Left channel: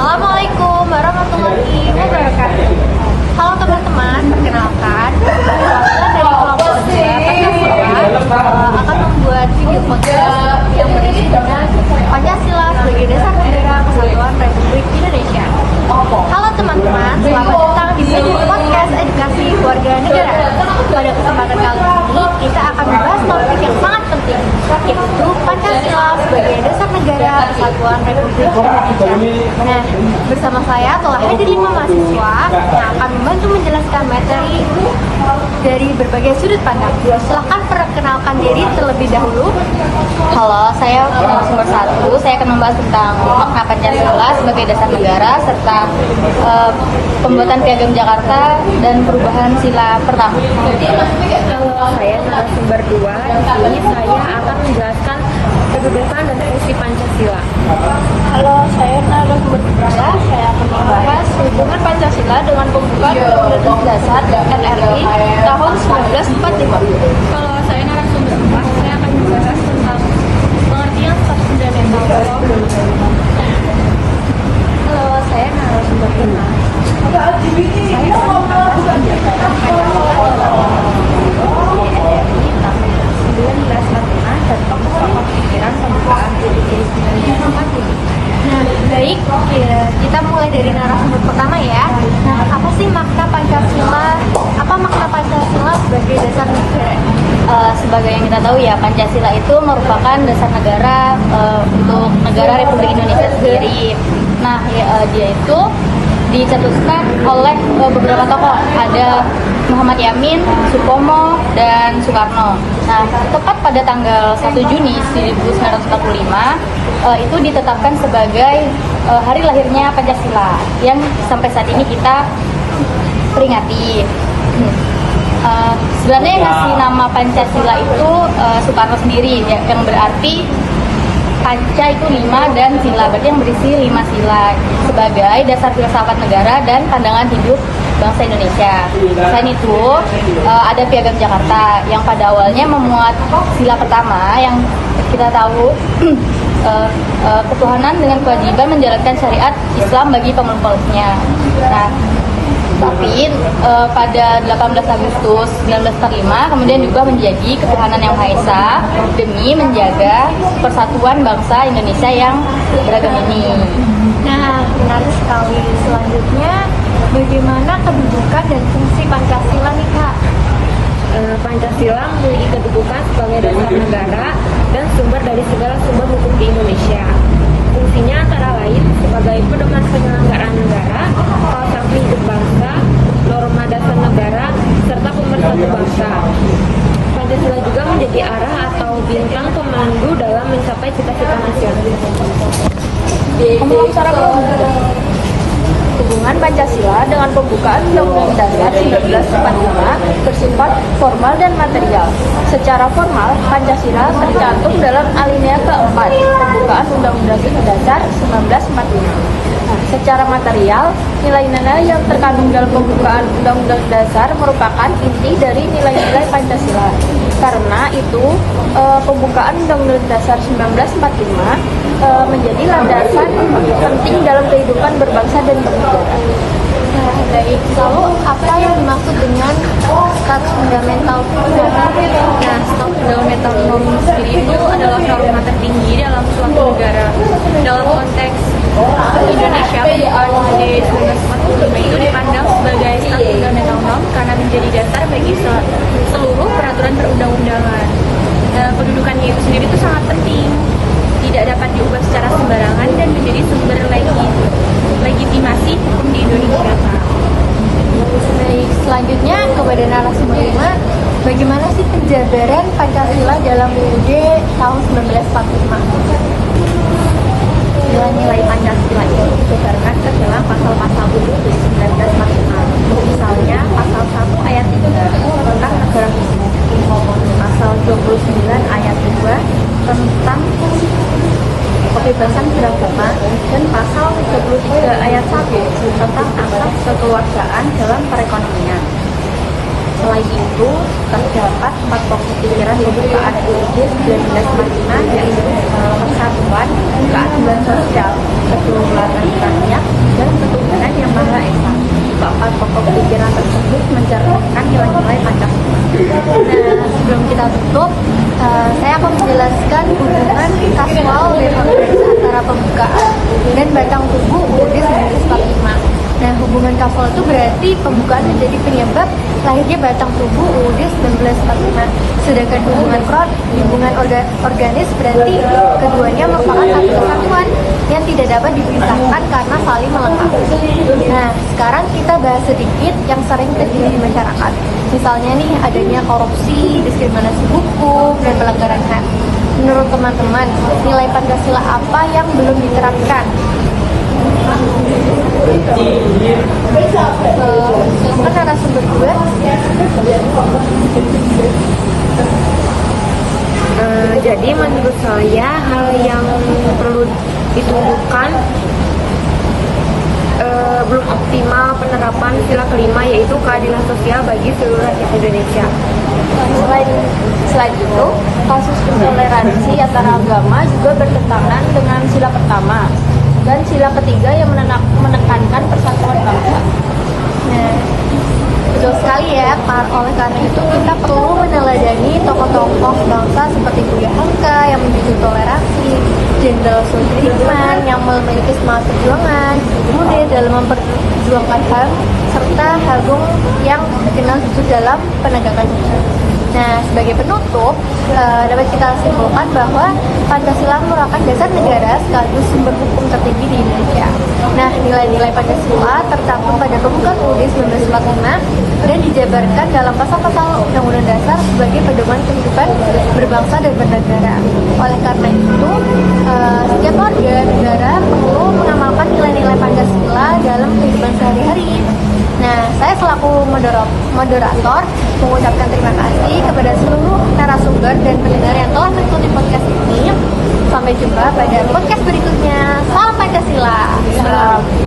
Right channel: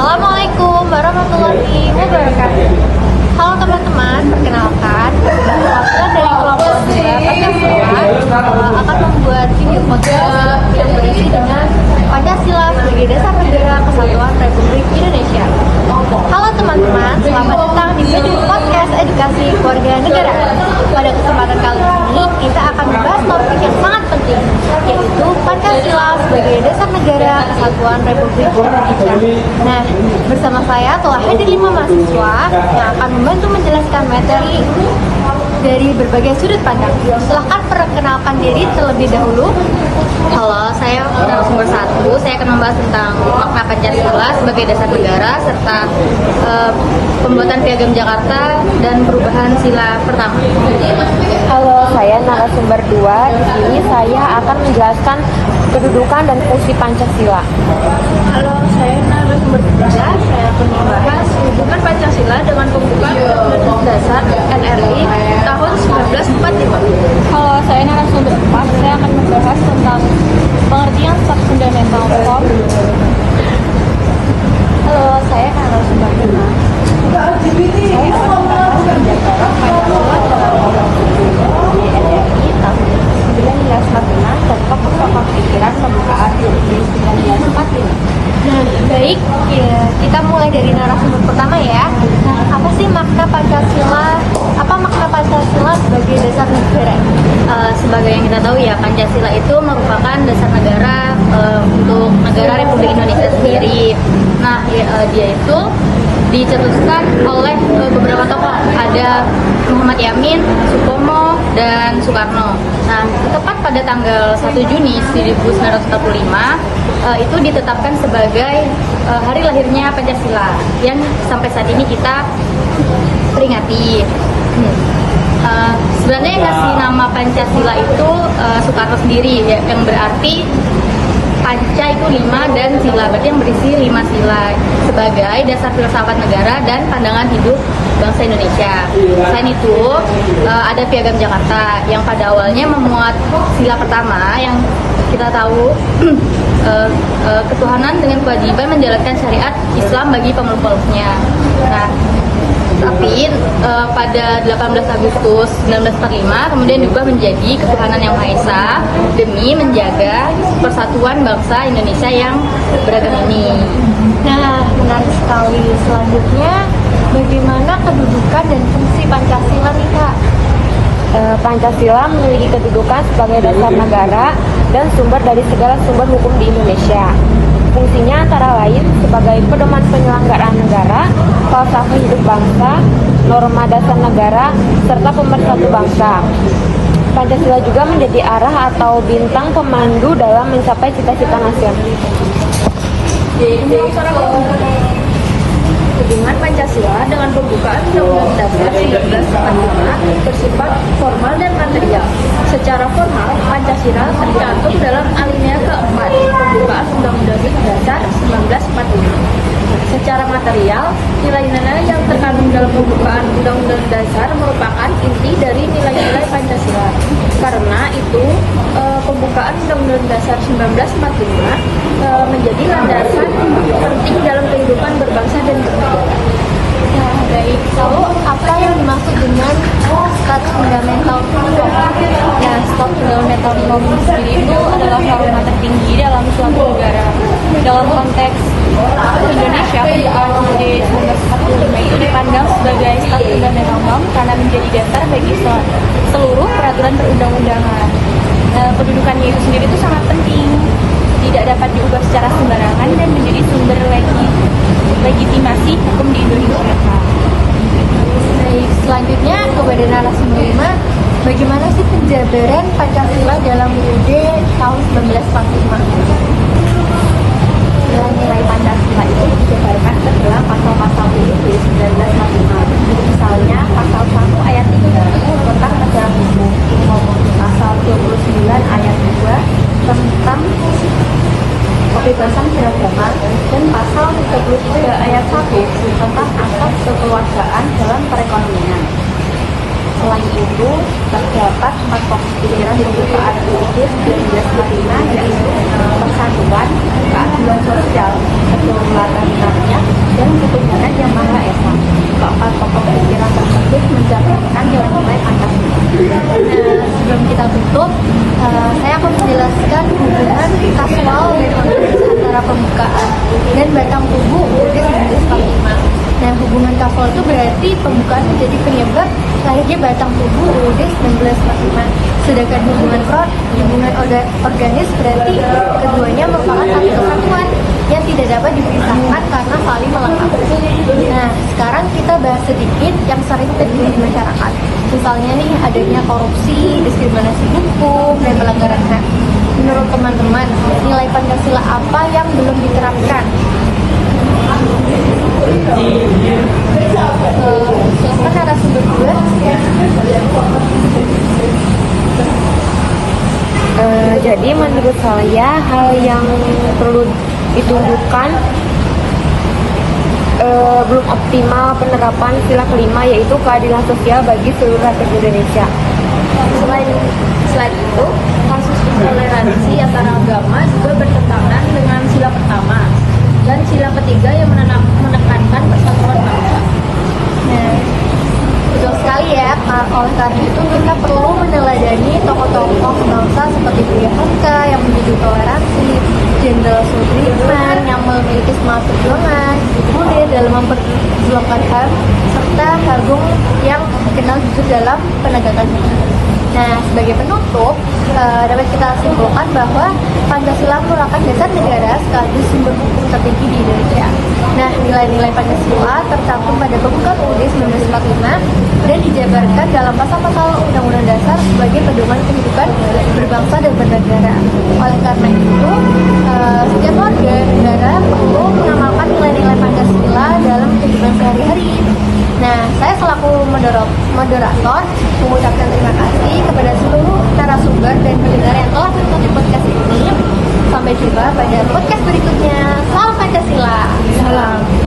Assalamualaikum warahmatullahi wabarakatuh. Halo teman-teman, perkenalkan Wakil dari kelompok 2 Pancasila akan membuat video podcast yang berisi dengan Pancasila sebagai dasar negara kesatuan Republik Indonesia. Halo teman-teman, selamat datang di video podcast edukasi keluarga negara. Pada kesempatan kali ini kita akan membahas topik yang sangat penting, yaitu Pancasila sebagai dasar negara kesatuan Republik Indonesia. Nah, bersama saya telah hadir 5 mahasiswa yang akan membantu menjelaskan materi dari berbagai sudut pandang. Silahkan perkenalkan diri terlebih dahulu. Halo, saya narasumber 1. Saya akan membahas tentang makna Pancasila sebagai dasar negara serta pembuatan Piagam Jakarta dan perubahan sila pertama. Halo, saya narasumber 2. Di sini saya akan menjelaskan kedudukan dan fungsi Pancasila. Halo, saya narasumber 3. Saya akan membahas hubungan Pancasila dengan pembukaan Undang-Undang Dasar NRI tahun 1945. Halo, saya narasumber 4. Saya akan membahas tentang pengertian Staf Fundamental Form. Halo, saya narasumber 5. Saya akan membahas penjabaran Pancasila dalam Undang-Undang tahun 1945 dan tokoh-tokoh pikiran pembukaan UUD 1945. Nah, baik, kita mulai dari narasumber pertama ya. Nah, apa sih makna Pancasila? Apa makna Pancasila sebagai dasar negara? Sebagai yang kita tahu ya, Pancasila itu merupakan dasar negara untuk negara Republik Indonesia sendiri. Nah, dia itu dicetuskan oleh beberapa tokoh, ada Muhammad Yamin, Supomo, dan Soekarno. Nah, tepat pada tanggal 1 Juni 1945 itu ditetapkan sebagai hari lahirnya Pancasila yang sampai saat ini kita peringati. Sebenarnya yang ngasih nama Pancasila itu Soekarno sendiri, yang berarti Panca itu 5 dan sila, berarti yang berisi 5 sila sebagai dasar filsafat negara dan pandangan hidup bangsa Indonesia. Selain itu ada Piagam Jakarta yang pada awalnya memuat sila pertama yang kita tahu ketuhanan dengan kewajiban menjalankan syariat Islam bagi pemeluk-pemeluknya. Nah, tapi pada 18 Agustus 1945 kemudian juga menjadi ketuhanan yang Maha Esa demi menjaga persatuan bangsa Indonesia yang beragam ini. Nah, menarik sekali. Selanjutnya, bagaimana kedudukan dan fungsi Pancasila nih Kak? Pancasila memiliki kedudukan sebagai dasar negara dan sumber dari segala sumber hukum di Indonesia. Fungsinya antara lain sebagai pedoman penyelenggaraan negara, falsafah hidup bangsa, norma dasar negara, serta pemersatu bangsa. Pancasila juga menjadi arah atau bintang pemandu dalam mencapai cita-cita nasional. Hubungan Pancasila dengan pembukaan Undang-Undang Dasar 1945 bersifat formal dan material. Secara formal, Pancasila tercantum dalam alinea keempat pembukaan Undang-Undang Dasar 1945. Secara material, nilai-nilai yang terkandung dalam pembukaan Undang-Undang Dasar merupakan inti dari nilai-nilai Pancasila. Karena itu, pembukaan Undang-Undang Dasar 1945 menjadi landasan penting dalam kehidupan berbangsa dan bernegara. Nah, baik. Lalu apa yang dimaksud dengan Staf Fundamental Norm? Nah, Staf Fundamental Norm itu adalah norma tertinggi dalam suatu negara. Dalam konteks Indonesia, pembukaan UUD 1945 itu dipandang sebagai Staf Fundamental Norm karena menjadi dasar bagi seluruh peraturan perundang-undangan. Kedudukannya itu sendiri itu sangat penting, tidak dapat diubah secara sembarangan dan menjadi sumber legitimasi hukum di Indonesia. Baik, selanjutnya kepada narasumber 5, bagaimana sih penjabaran Pancasila dalam UUD tahun 1945? Nilai-nilai Pancasila itu dijabarkan ke dalam pasal-pasal UUD 1945. Misalnya pasal 1 ayat 3 tentang negara hukum, pasal 29 ayat 2 tentang kebebasan beragama, dan pasal 33 ayat 1 tentang asas kekeluargaan dalam perekonomian. Selain itu, terdapat 4 pokok pikiran pembukaan UUD 1945, yaitu persatuan, keadilan sosial, kedaulatan rakyat, untuk mencerminkan nilai-nilai Pancasila. Nah, sebelum kita tutup, saya akan menjelaskan hubungan kasual dan organis antara pembukaan dan batang tubuh UUD 1945. Nah, hubungan kasual itu berarti pembukaan menjadi penyebab lahirnya batang tubuh UUD 1945. Sedangkan hubungan organis berarti keduanya merupakan satu kesatuan yang tidak dapat dipisahkan karena saling melengkapi. Nah, sekarang kita bahas sedikit yang sering terjadi di masyarakat. Misalnya nih, adanya korupsi, diskriminasi hukum, dan pelanggaran HAM. Menurut teman-teman, nilai Pancasila apa yang belum diterapkan? Silahkan narasumber dua. Jadi menurut saya hal yang perlu ditunjukkan belum optimal penerapan sila kelima, yaitu keadilan sosial bagi seluruh rakyat Indonesia. Selain itu, kasus intoleransi antara agama juga bertentangan dengan sila pertama dan sila ketiga yang menekankan persatuan bangsa. Nah, betul sekali ya. Oleh karena itu kita perlu meneladani tokoh-tokoh bangsa seperti Buya Hamka yang menjunjung toleransi, Jenderal Sudirman yang memiliki semangat perjuangan, kemudian dalam memperjuangkan HAM, serta Agung yang dikenal jujur dalam penegakan hukum. Nah, sebagai penutup, dapat kita simpulkan bahwa Pancasila merupakan dasar negara sekaligus sumber hukum tertinggi di Indonesia. Nah, nilai-nilai Pancasila tercantum pada pembukaan UUD 1945 dan dijabarkan dalam pasal-pasal Undang-Undang Dasar sebagai pedoman kehidupan berbangsa dan bernegara. Oleh karena itu, setiap warga negara perlu mengamalkan nilai-nilai Pancasila dalam kehidupan sehari-hari. Nah, saya selaku moderator mengucapkan terima kasih kepada seluruh narasumber dan pendengar yang telah mengikuti podcast ini. Sampai jumpa pada podcast berikutnya. Salam Pancasila. Salam.